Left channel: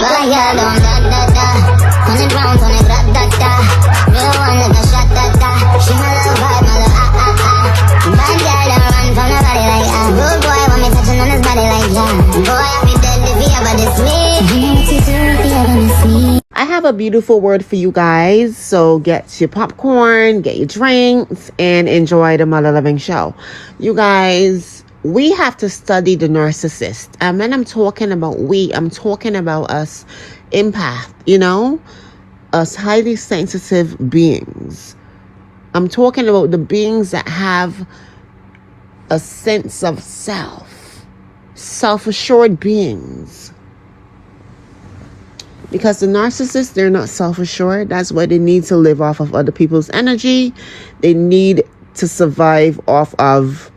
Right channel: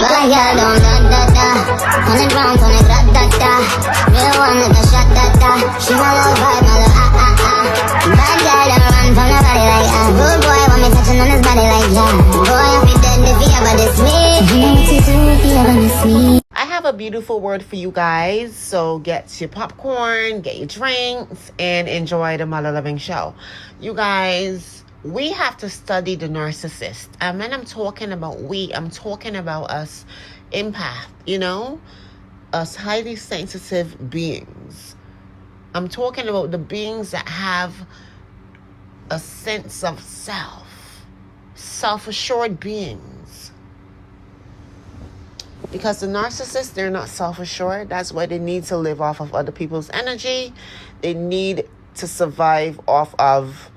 Boy, girl, don't da-da-da. 100 rounds on it, da-da-da. Real one with a shot, da-da. She my little vibe, my little ah-ah-ah. Bad girl, don't run from nobody like Good boy, want me touching on his body like Boy, I be dead if he ever diss me. You know what to do if he ever miss me. I have a beautiful word for you guys, so get your popcorn, get your drinks, and enjoy the Mother Loving Show. You guys, we have to study the narcissist. And when I'm talking about I'm talking about us empath, us highly sensitive beings. I'm talking about the beings that have a sense of self-assured beings. Because the narcissists, they're not self-assured. That's why they need to live off of other people's energy. They need to survive off of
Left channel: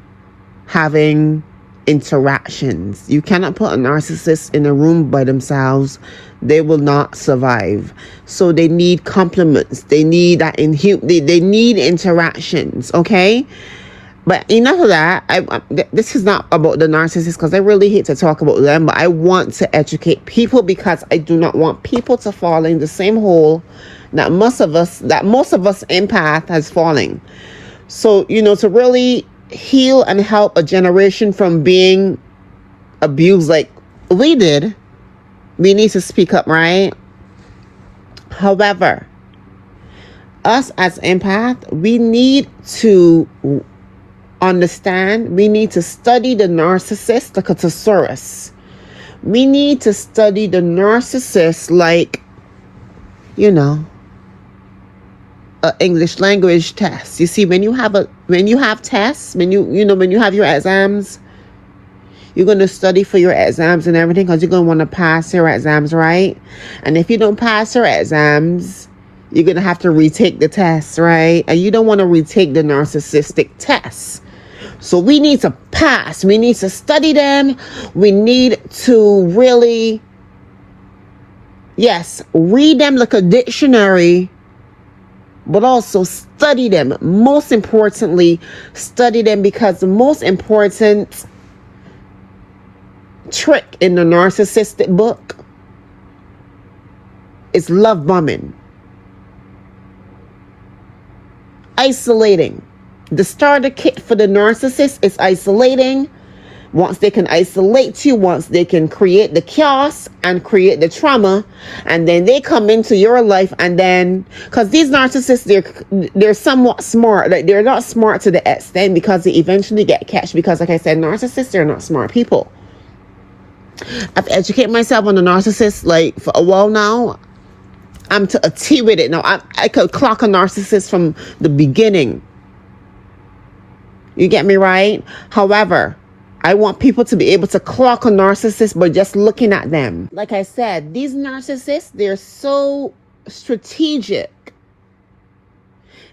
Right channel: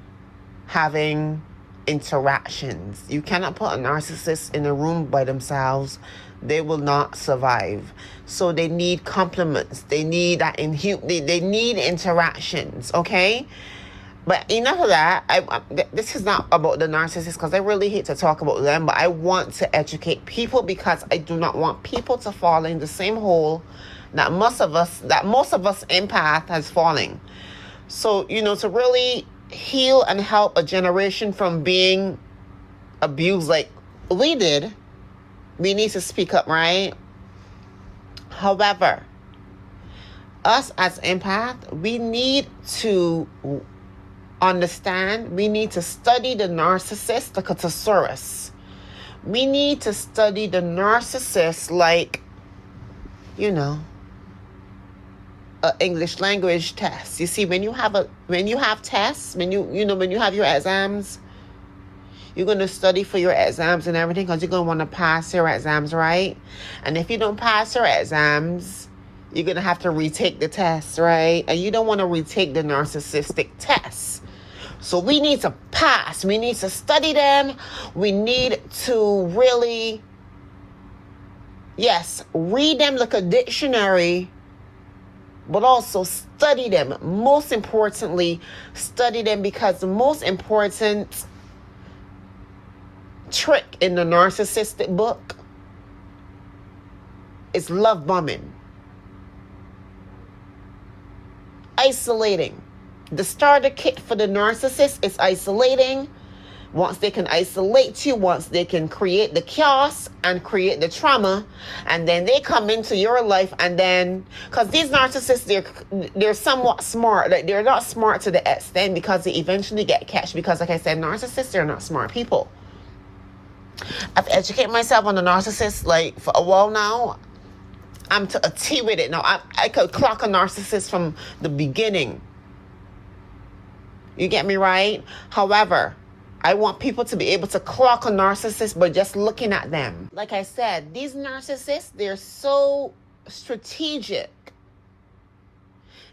having interactions. You cannot put a narcissist in a room by themselves. They will not survive. So they need compliments. They need that they need interactions, okay? But enough of that. This is not about the narcissist because I really hate to talk about them, but I want to educate people because I do not want people to fall in the same hole that most of us empath has fallen. So, to really heal and help a generation from being abused like we did, we need to speak up, right? However, us as empath, we need to understand, we need to study the narcissist, the thesaurus. We need to study the narcissist like, an English language test. You see, when you have tests, when you have your exams, you're going to study for your exams and everything because you're going to want to pass your exams, right? And if you don't pass your exams, you're going to have to retake the test, right? And you don't want to retake the narcissistic test. So we need to pass. We need to study them. We need to really, read them like a dictionary, but also study them. Most importantly, study them because the most important trick in the narcissistic book is love bombing. Isolating. The starter kit for the narcissist is isolating. Once they can isolate you, once they can create the chaos and create the trauma, and then they come into your life, and then, because these narcissists, they're somewhat smart. Like, they're not smart to the extent because they eventually get catched. Because, like I said, narcissists, they're not smart people. I've educated myself on the narcissist like for a while now. I'm to a T with it now. I could clock a narcissist from the beginning. You get me right? However, I want people to be able to clock a narcissist by just looking at them. Like I said, these narcissists, they're so strategic.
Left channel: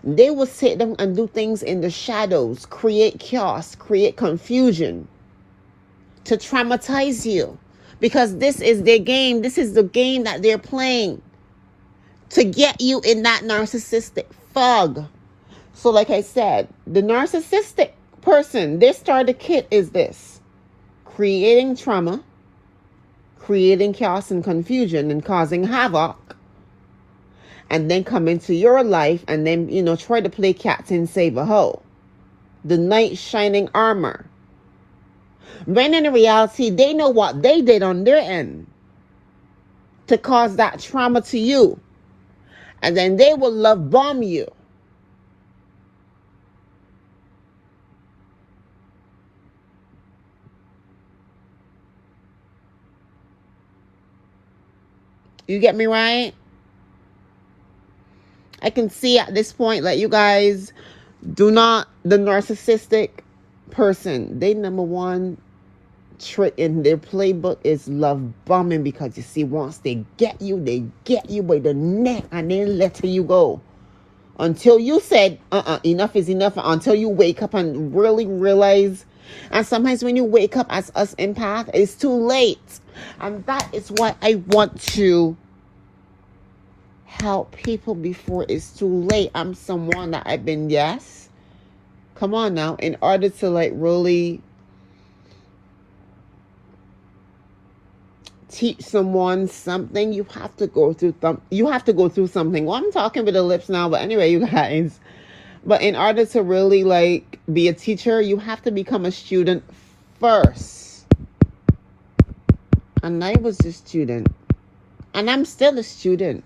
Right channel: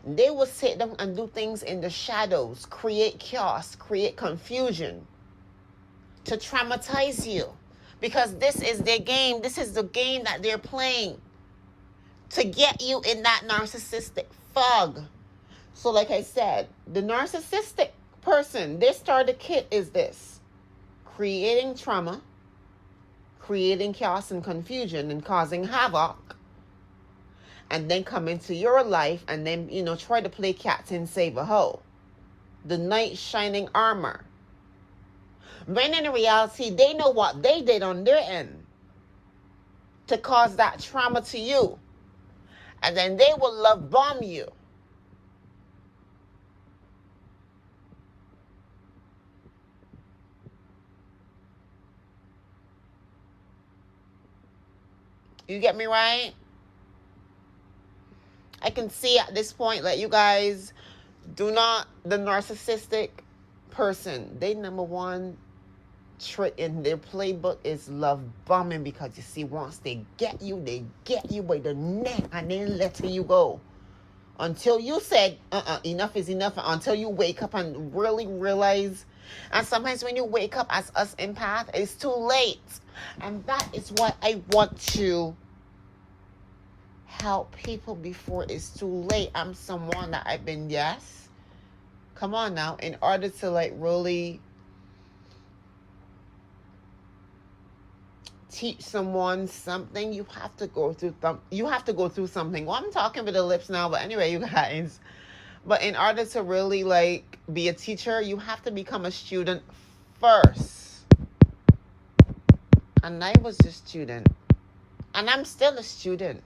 They will sit down and do things in the shadows, create chaos, create confusion to traumatize you. Because this is their game. This is the game that they're playing to get you in that narcissistic fog. So like I said, the narcissistic person, their starter kit is this: creating trauma, creating chaos and confusion and causing havoc, and then come into your life and then, try to play captain save a hoe. The knight shining armor. When in reality, they know what they did on their end to cause that trauma to you. And then they will love bomb you. You get me right? I can see at this point, like, you guys do not, the narcissistic person, they number one trick in their playbook is love bombing. Because you see, once they get you by the neck and then let you go. Until you said, enough is enough. Until you wake up and really realize. And sometimes when you wake up as us empath, it's too late. And that is what I want to help people before it's too late. I'm someone that I've been, come on now, in order to like really teach someone something, you have to go through something. Well, I'm talking with the lips now, but anyway, you guys. But in order to really like be a teacher, you have to become a student first. And I was a student. And I'm still a student.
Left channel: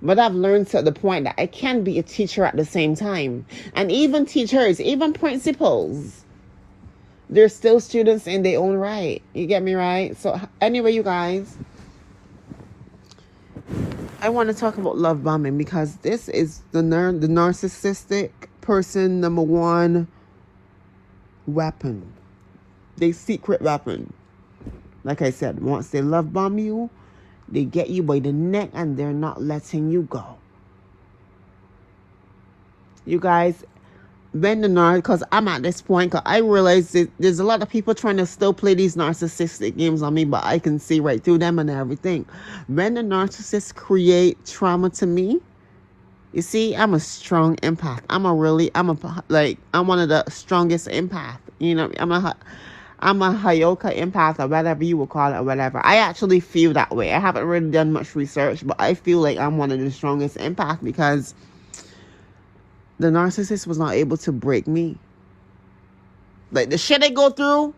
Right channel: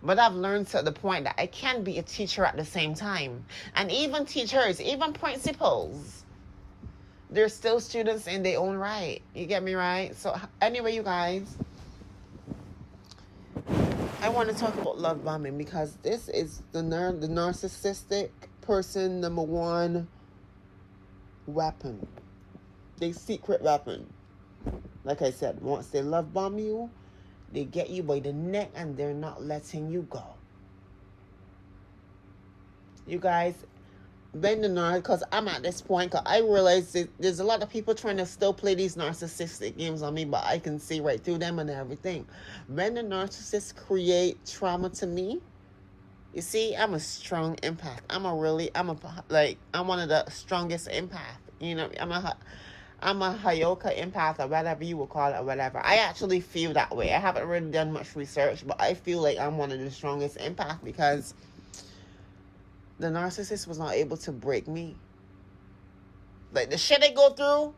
But I've learned to the point that I can be a teacher at the same time. And even teachers, even principals, they're still students in their own right. You get me right? So anyway, you guys, I want to talk about love bombing because this is the narcissistic person number one weapon. Their secret weapon. Like I said, once they love bomb you, they get you by the neck and they're not letting you go. You guys, because I'm at this point, because I realize that there's a lot of people trying to still play these narcissistic games on me, but I can see right through them and everything. When the narcissists create trauma to me, you see, I'm a strong empath. I'm one of the strongest empath. You know, I'm a Hayoka empath, or whatever you would call it, or whatever. I actually feel that way. I haven't really done much research, but I feel like I'm one of the strongest empath because the narcissist was not able to break me. Like, the shit I go through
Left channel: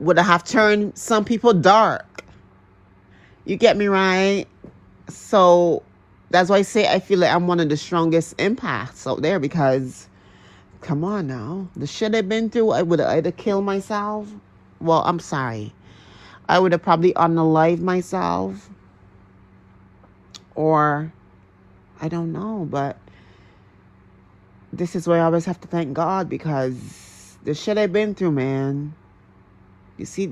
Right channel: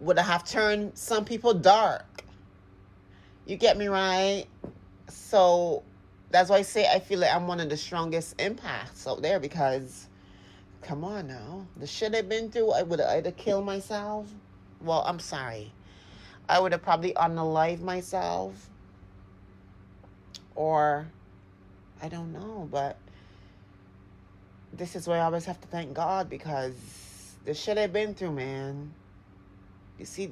would have turned some people dark. You get me right? So that's why I say I feel like I'm one of the strongest empaths out there because, come on now, the shit I've been through, I would have either killed myself. Well, I'm sorry. I would have probably unalived myself. Or, I don't know, but this is why I always have to thank God because the shit I've been through, man. You see,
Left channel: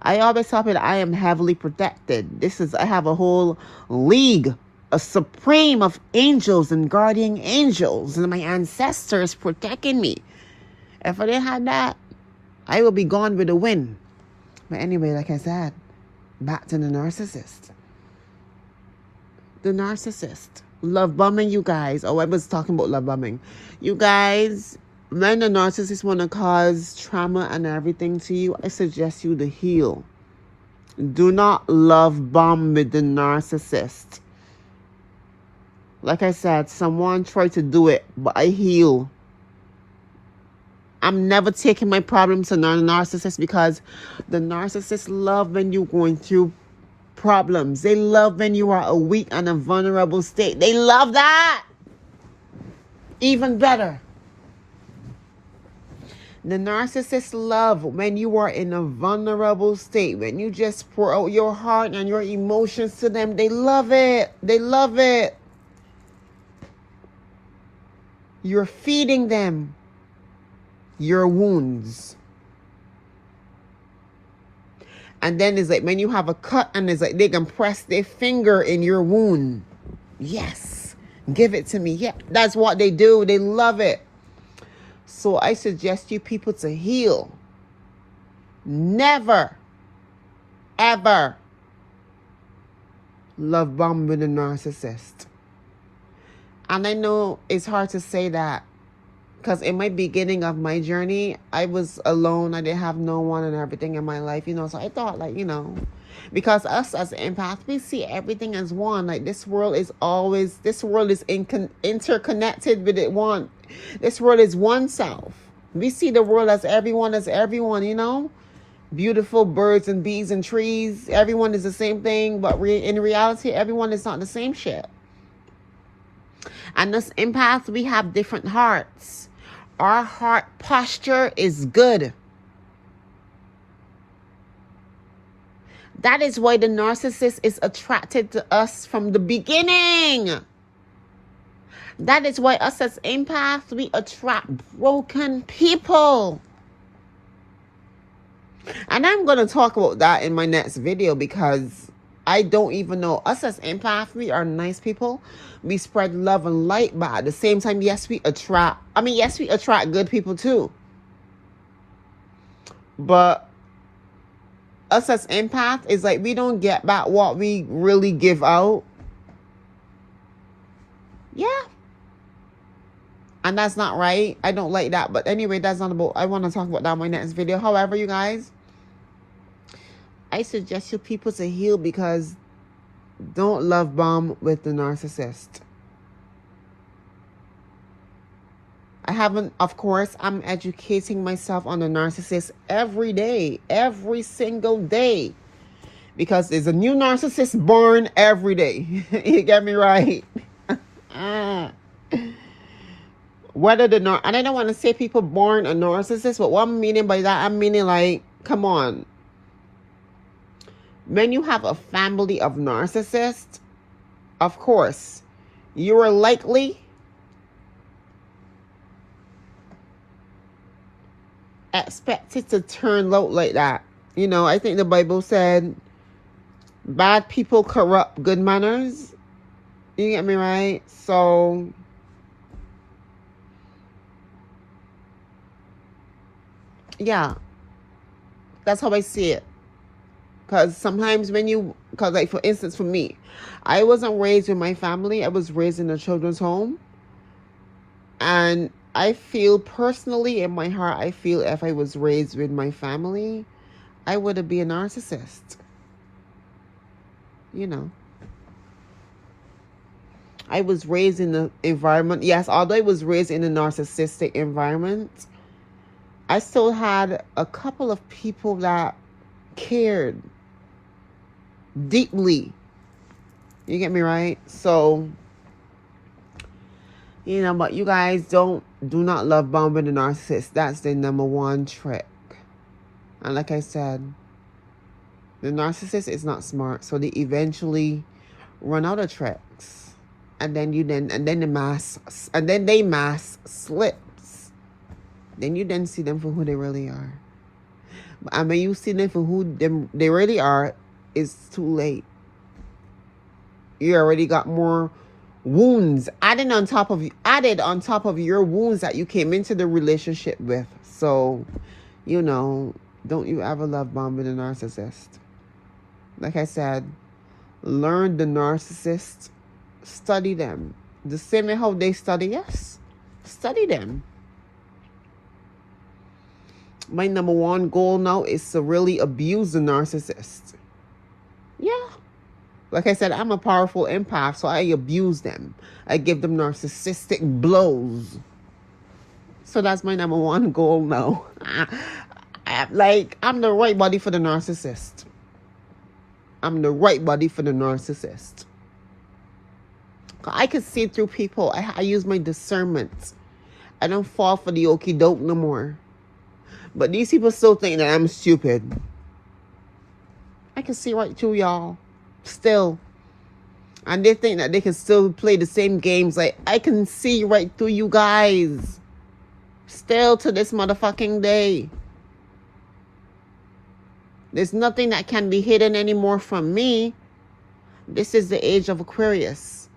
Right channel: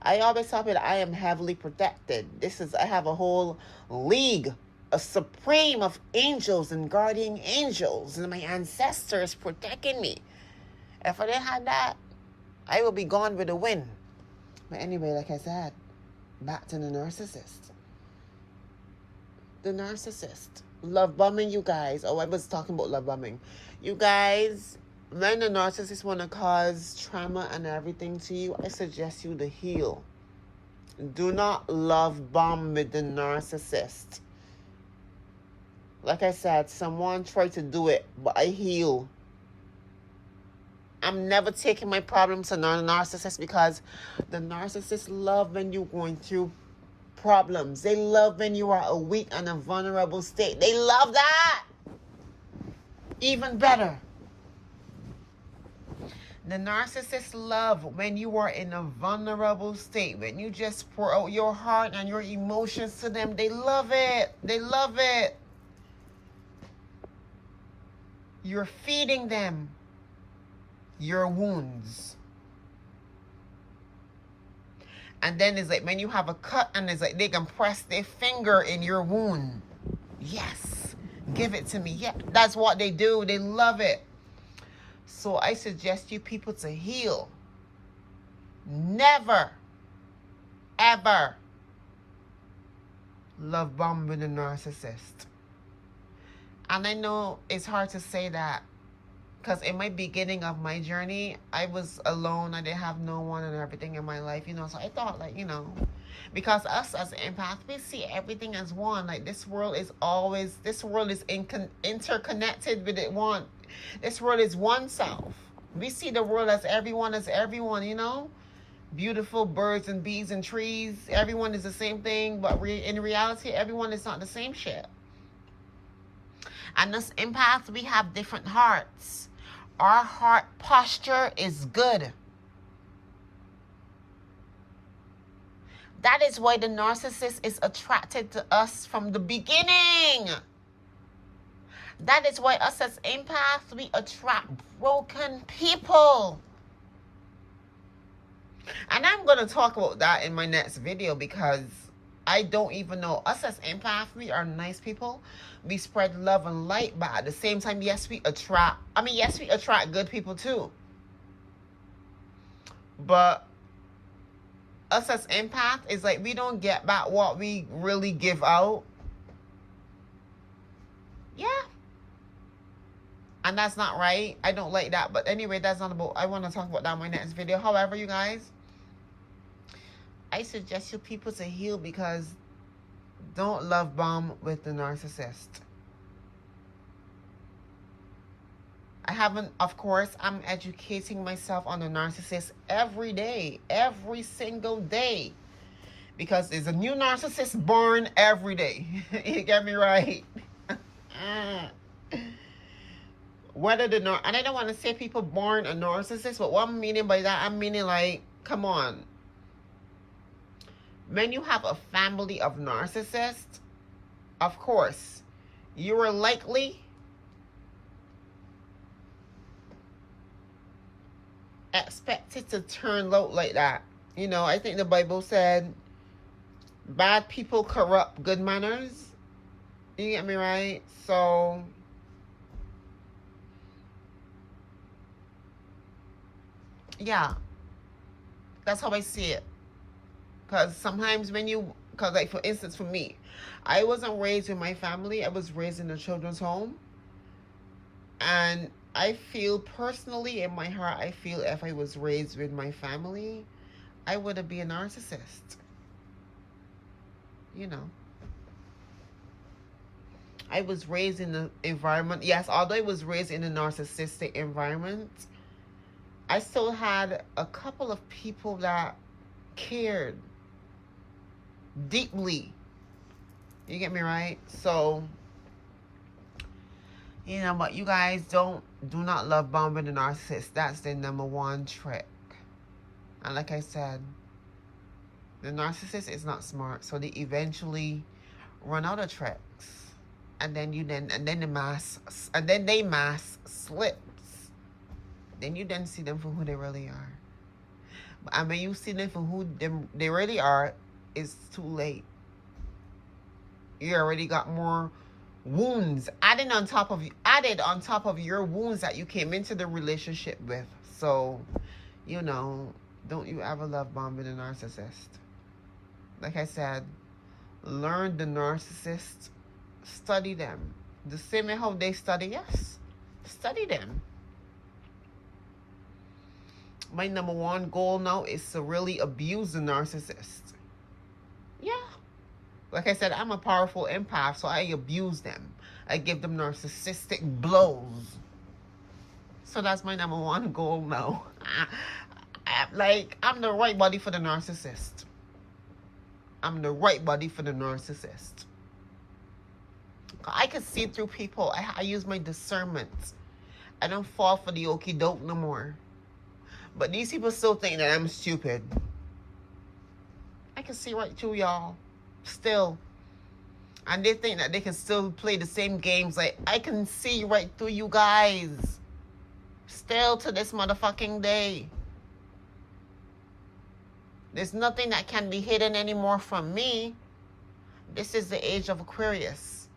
I always tell people I am heavily protected. I have a whole league, a supreme of angels and guardian angels and my ancestors protecting me. If I didn't have that, I would be gone with the wind. But anyway, like I said, back to the narcissist. The narcissist. Love bombing, you guys. Oh, I was talking about love bombing. You guys, when the narcissist want to cause trauma and everything to you, I suggest you to heal. Do not love bomb with the narcissist. Like I said, someone tried to do it, but I heal. I'm never taking my problems to the narcissist because the narcissists love when you're going through problems. They love when you are a weak and a vulnerable state. They love that. Even better. The narcissists love when you are in a vulnerable state. When you just pour out your heart and your emotions to them. They love it. They love it. You're feeding them your wounds. And then it's like when you have a cut and it's like they can press their finger in your wound. Yes. Give it to me. Yeah. That's what they do. They love it. So I suggest you people to heal. Never, ever love bomb with a narcissist. And I know it's hard to say that because in my beginning of my journey, I was alone. I didn't have no one and everything in my life, So I thought, because us as empaths, we see everything as one. Like this world is interconnected with it one. This world is one self. We see the world as everyone, Beautiful birds and bees and trees. Everyone is the same thing, but in reality, everyone is not the same shit. And us empaths, we have different hearts. Our heart posture is good. That is why the narcissist is attracted to us from the beginning. That is why us as empaths, we attract broken people. And I'm going to talk about that in my next video because I don't even know. Us as empaths, we are nice people. We spread love and light, but at the same time, yes, we attract good people too. But us as empaths, is like we don't get back what we really give out. Yeah. And that's not right. I don't like that. But anyway, that's not about, I want to talk about that in my next video. However, you guys, I suggest you people to heal, because don't love bomb with the narcissist. I haven't, of course, I'm educating myself on the narcissist every day, every single day. Because there's a new narcissist born every day. You get me right? Whether the and I don't want to say people born a narcissist, but what I'm meaning by that, I'm meaning like, come on. When you have a family of narcissists, of course, you are likely expected to turn out like that. You know, I think the Bible said, bad people corrupt good manners. You get me right? So, yeah, that's how I see it. Because sometimes when you, because like for instance, for me, I wasn't raised in my family. I was raised in a children's home. And I feel personally in my heart, I feel if I was raised with my family, I would be a narcissist. You know. I was raised in the environment. Yes, although I was raised in a narcissistic environment, I still had a couple of people that cared deeply. You get me right? So, you know, but you guys do not love bombing the narcissist. That's the #1 trick. And like I said, the narcissist is not smart, so they eventually run out of tricks. And then the mask slips. Then you see them for who they really are. But when you see them for who they really are, it's too late. You already got more wounds added on top of your wounds that you came into the relationship with. So, you know, don't you ever love bombing a narcissist. Like I said, learn the narcissist, study them. The same way how they study us, study them. My #1 goal now is to really abuse the narcissist. Yeah. Like I said, I'm a powerful empath, so I abuse them. I give them narcissistic blows. So that's my #1 goal now. I'm the right body for the narcissist. I'm the right body for the narcissist. I can see through people. I use my discernment. I don't fall for the okie doke no more. But these people still think that I'm stupid. I can see right through y'all. Still. And they think that they can still play the same games. Like, I can see right through you guys. Still to this motherfucking day. There's nothing that can be hidden anymore from me. This is the age of Aquarius.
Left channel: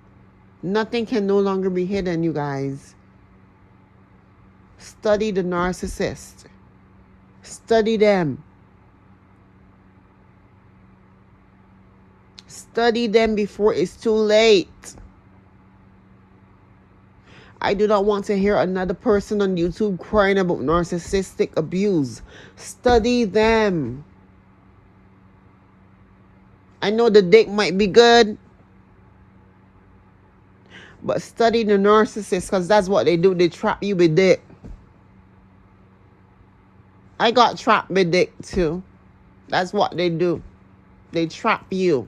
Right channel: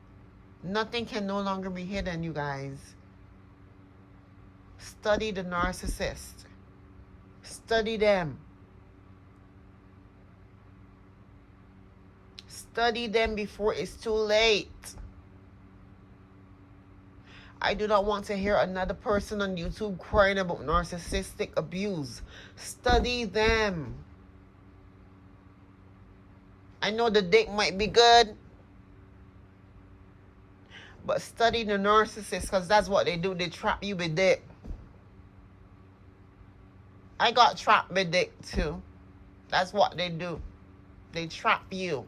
Nothing can no longer be hidden, you guys. Study the narcissist. Study them. Study them before it's too late. I do not want to hear another person on YouTube crying about narcissistic abuse. Study them. I know the dick might be good, but study the narcissist, because that's what they do. They trap you with dick. I got trapped with dick too. That's what they do. They trap you.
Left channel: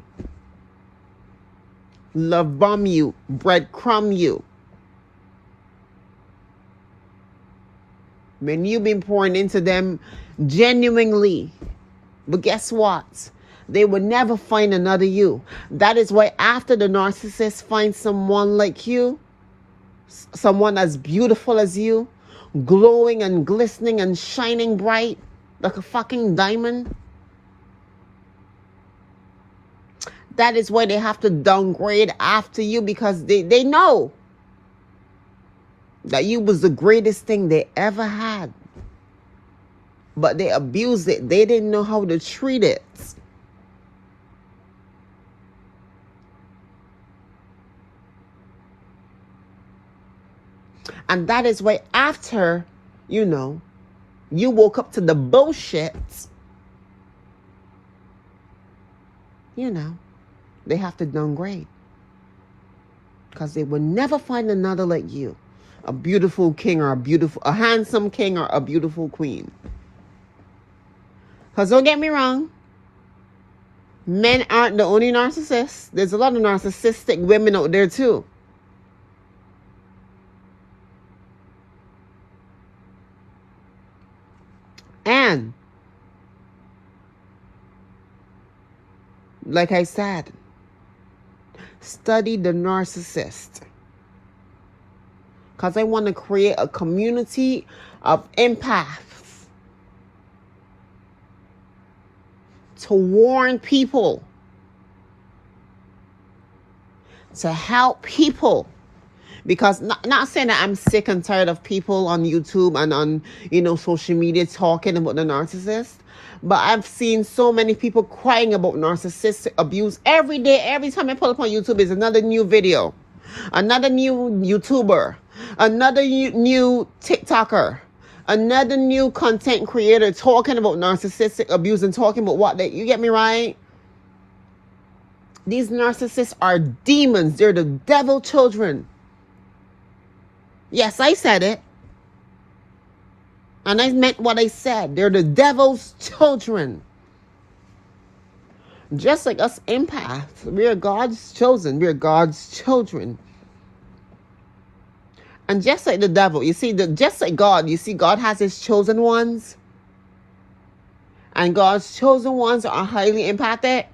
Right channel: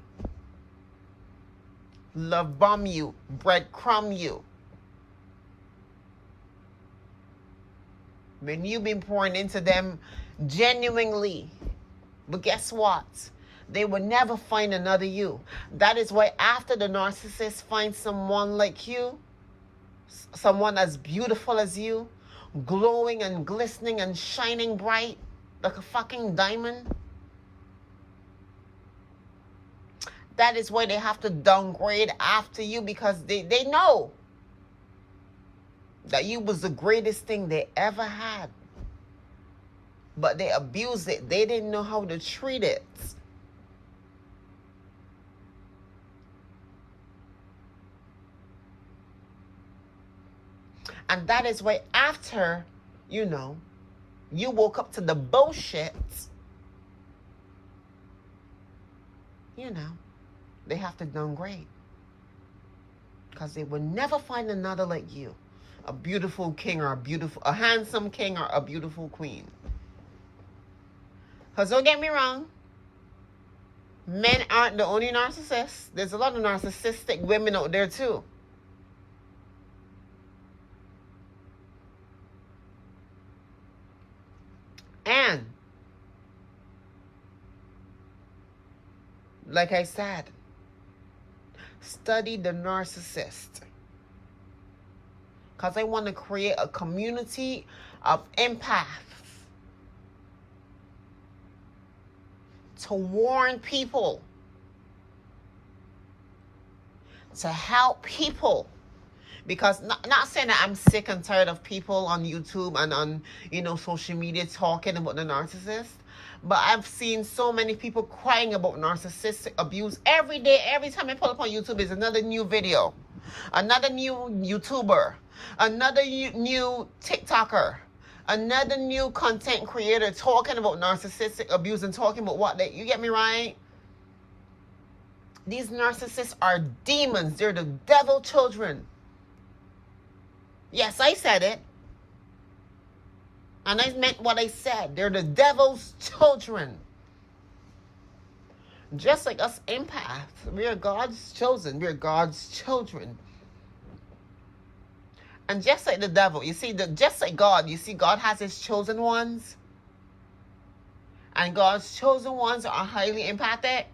Love bomb you. Breadcrumb you. When you've been pouring into them genuinely. But guess what? They will never find another you. That is why after the narcissist finds someone like you, someone as beautiful as you, glowing and glistening and shining bright like a fucking diamond, that is why they have to downgrade after you, because they know that you was the greatest thing they ever had. But they abused it. They didn't know how to treat it. And that is why after, you know, you woke up to the bullshit, they have to downgrade. Because they will never find another like you. A beautiful king or a handsome king or a beautiful queen. Because don't get me wrong, men aren't the only narcissists. There's a lot of narcissistic women out there too. And like I said, study the narcissist. Because I want to create a community of empaths to warn people, to help people. Because not saying that I'm sick and tired of people on YouTube and on, social media talking about the narcissist. But I've seen so many people crying about narcissistic abuse every day. Every time I pull up on YouTube is another new video, another new YouTuber, another new TikToker, another new content creator talking about narcissistic abuse and talking about you get me right? These narcissists are demons. They're the devil children. Yes, I said it. And I meant what I said. They're the devil's children. Just like us empaths. We are God's chosen. We are God's children. And just like the devil, just like God, God has his chosen ones. And God's chosen ones are highly empathic.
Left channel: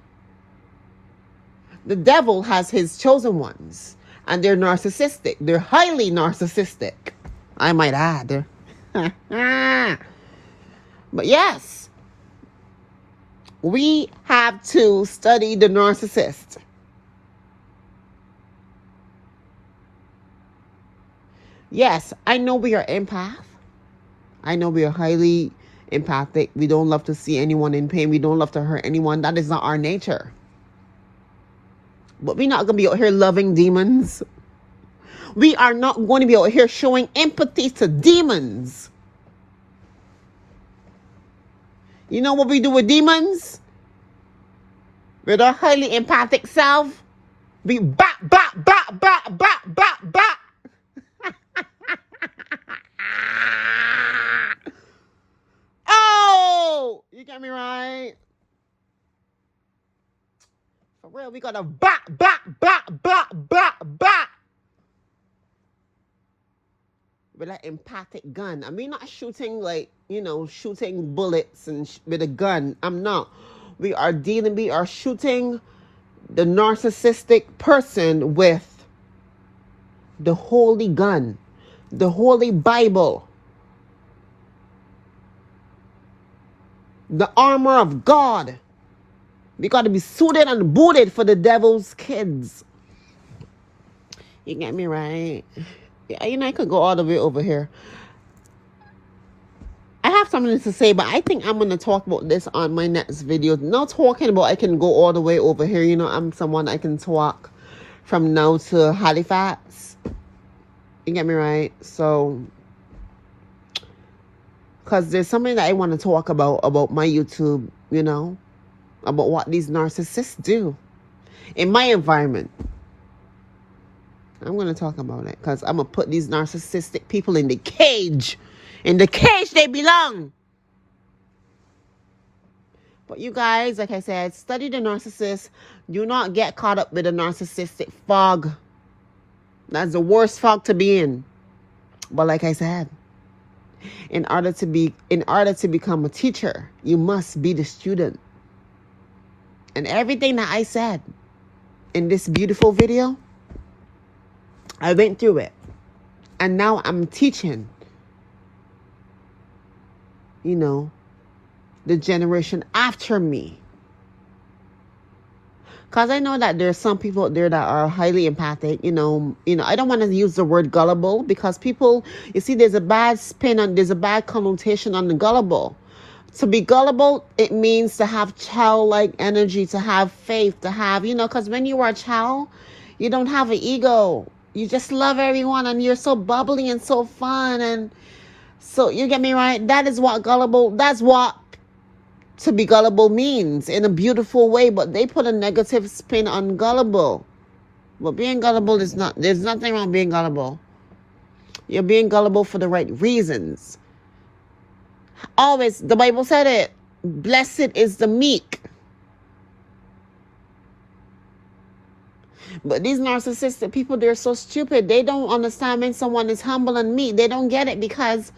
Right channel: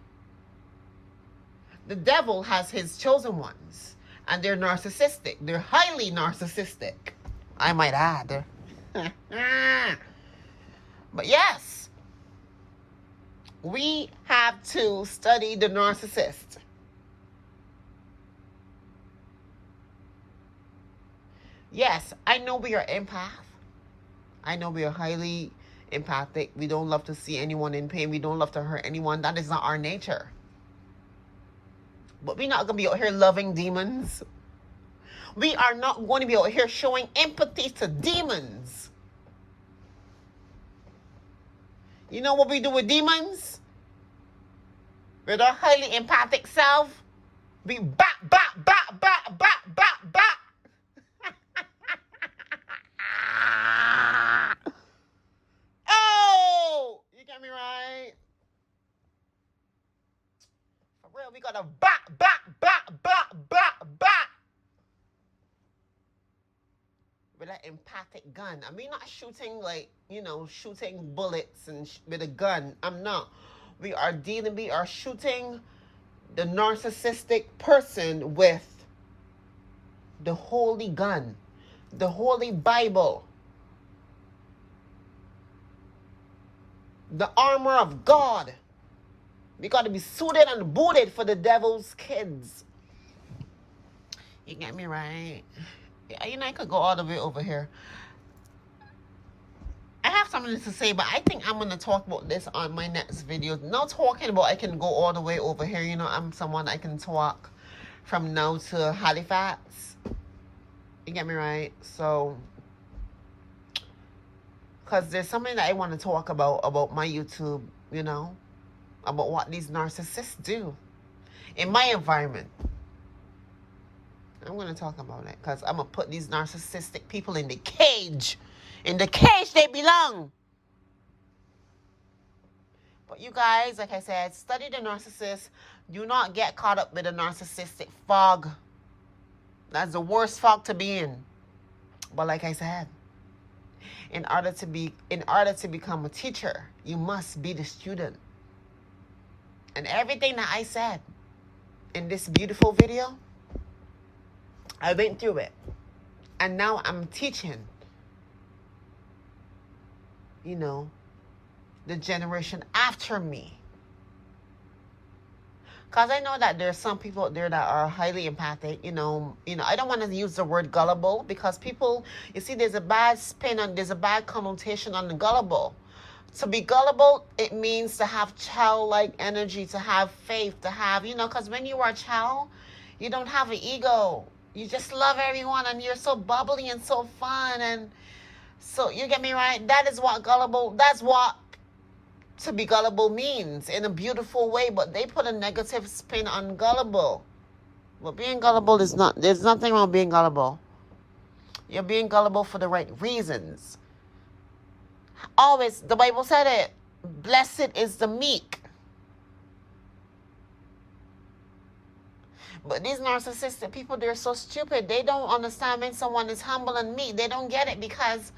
The devil has his chosen ones. And they're narcissistic. They're highly narcissistic, I might add. But yes, we have to study the narcissist. Yes, I know we are empath. I know we are highly empathic. We don't love to see anyone in pain. We don't love to hurt anyone. That is not our nature. But we're not going to be out here loving demons. We are not going to be out here showing empathy to demons. You know what we do with demons? With our highly empathic self? We bop, bop, bop, bop, bop, bop, bop. Oh! You get me right? For real, we gotta bop, bop, bop, bop, bop, bop. With that empathic gun. I mean, not shooting shooting bullets and with a gun. I'm not. We are shooting the narcissistic person with the holy gun, the holy Bible, the armor of God. We got to be suited and booted for the devil's kids. You get me right? I could go all the way over here. I have something to say, but I think I'm going to talk about this on my next video. Not talking about I can go all the way over here. I'm someone I can talk from now to Halifax. You get me right? So, because there's something that I want to talk about my YouTube, about what these narcissists do in my environment. I'm going to talk about it because I'm going to put these narcissistic people in the cage. In the cage they belong. But you guys, like I said, study the narcissist. Do not get caught up with a narcissistic fog. That's the worst fog to be in. But like I said, in order to become a teacher, you must be the student. And everything that I said in this beautiful video, I went through it. And now I'm teaching, the generation after me. Because I know that there's some people out there that are highly empathic. I don't want to use the word gullible because people, there's a bad spin and there's a bad connotation on the gullible. To be gullible, it means to have childlike energy, to have faith, to have, because when you are a child, you don't have an ego. You just love everyone and you're so bubbly and so fun. And so, you get me right? That is what gullible, that's what to be gullible means in a beautiful way, but they put a negative spin on gullible. But being gullible is not, there's nothing wrong with being gullible. You're being gullible for the right reasons. Always, the Bible said it, blessed is the meek. But these narcissistic people, they're so stupid. They don't understand when someone is humble and meek. They don't get it because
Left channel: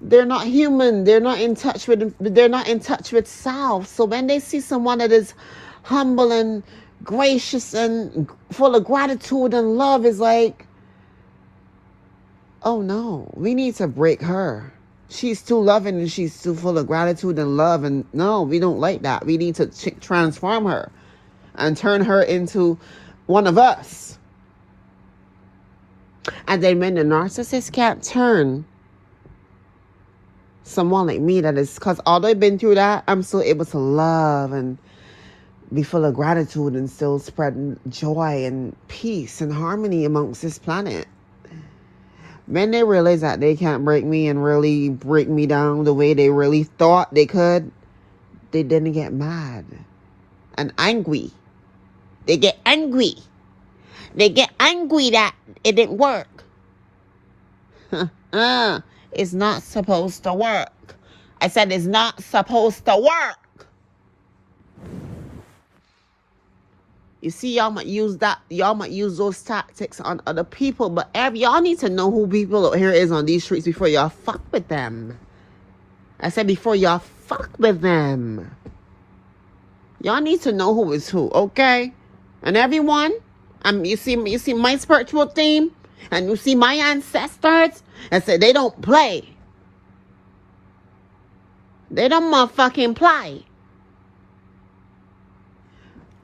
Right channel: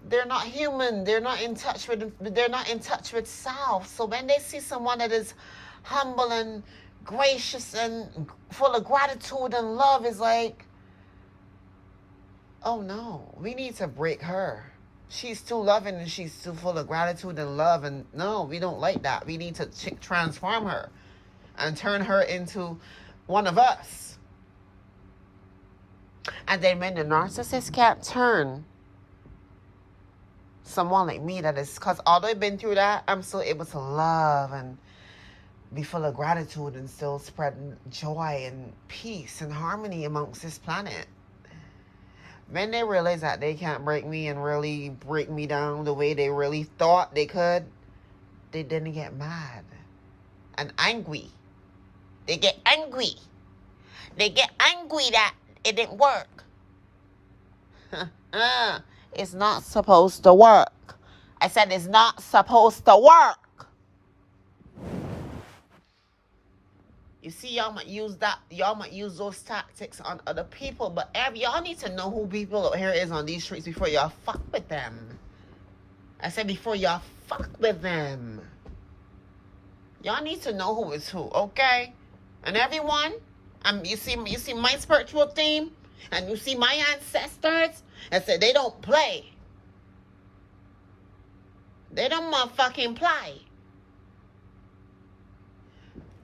they're not human. They're not in touch with self. So when they see someone that is humble and gracious and full of gratitude and love, is like, oh no, we need to break her. She's too loving and she's too full of gratitude and love, and no, we don't like that. We need to transform her and turn her into one of us. And then when the narcissist can't turn someone like me, that is, because although I've been through that, I'm still able to love and be full of gratitude and still spread joy and peace and harmony amongst this planet. When they realize that they can't break me and really break me down the way they really thought they could, they didn't get mad and angry. They get angry. They get angry that it didn't work. It's not supposed to work. I said it's not supposed to work. You see, y'all might use those tactics on other people, but y'all need to know who people out here is on these streets before y'all fuck with them. I said before y'all fuck with them. Y'all need to know who is who, okay? And everyone, you see my spiritual theme, and you see my ancestors, and say they don't play. They don't motherfucking play.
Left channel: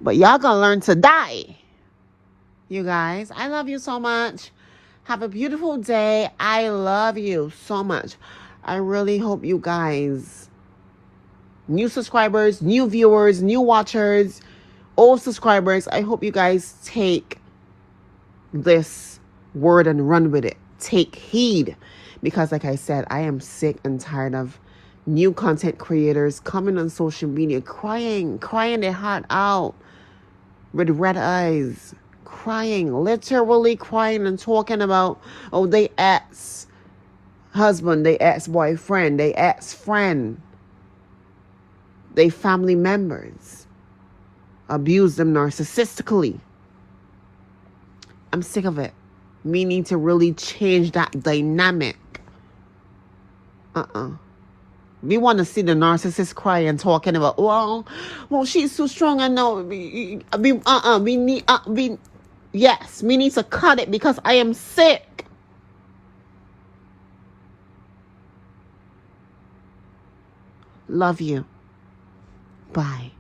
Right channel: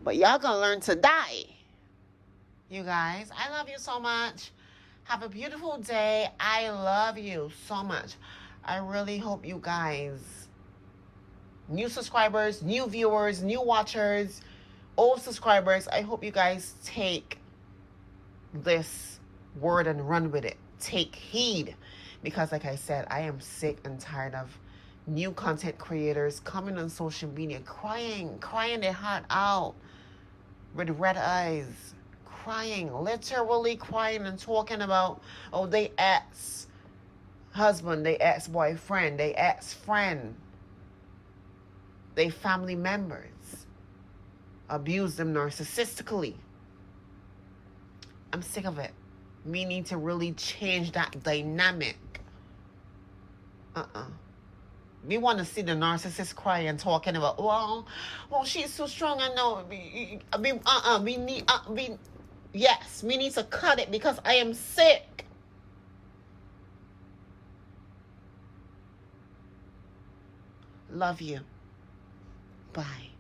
But y'all gonna learn to die. You guys, I love you so much. Have a beautiful day. I love you so much. I really hope you guys, new subscribers, new viewers, new watchers, old subscribers, I hope you guys take this word and run with it. Take heed. Because like I said, I am sick and tired of new content creators coming on social media crying their heart out with red eyes, literally crying and talking about, oh, they ex-husband, they ex-boyfriend, they ex-friend, they family members abuse them narcissistically. I'm sick of it. We need to really change that dynamic. We want to see the narcissist crying, talking about, well, she's too strong. I know. Yes, we need to cut it because I am sick. Love you. Bye.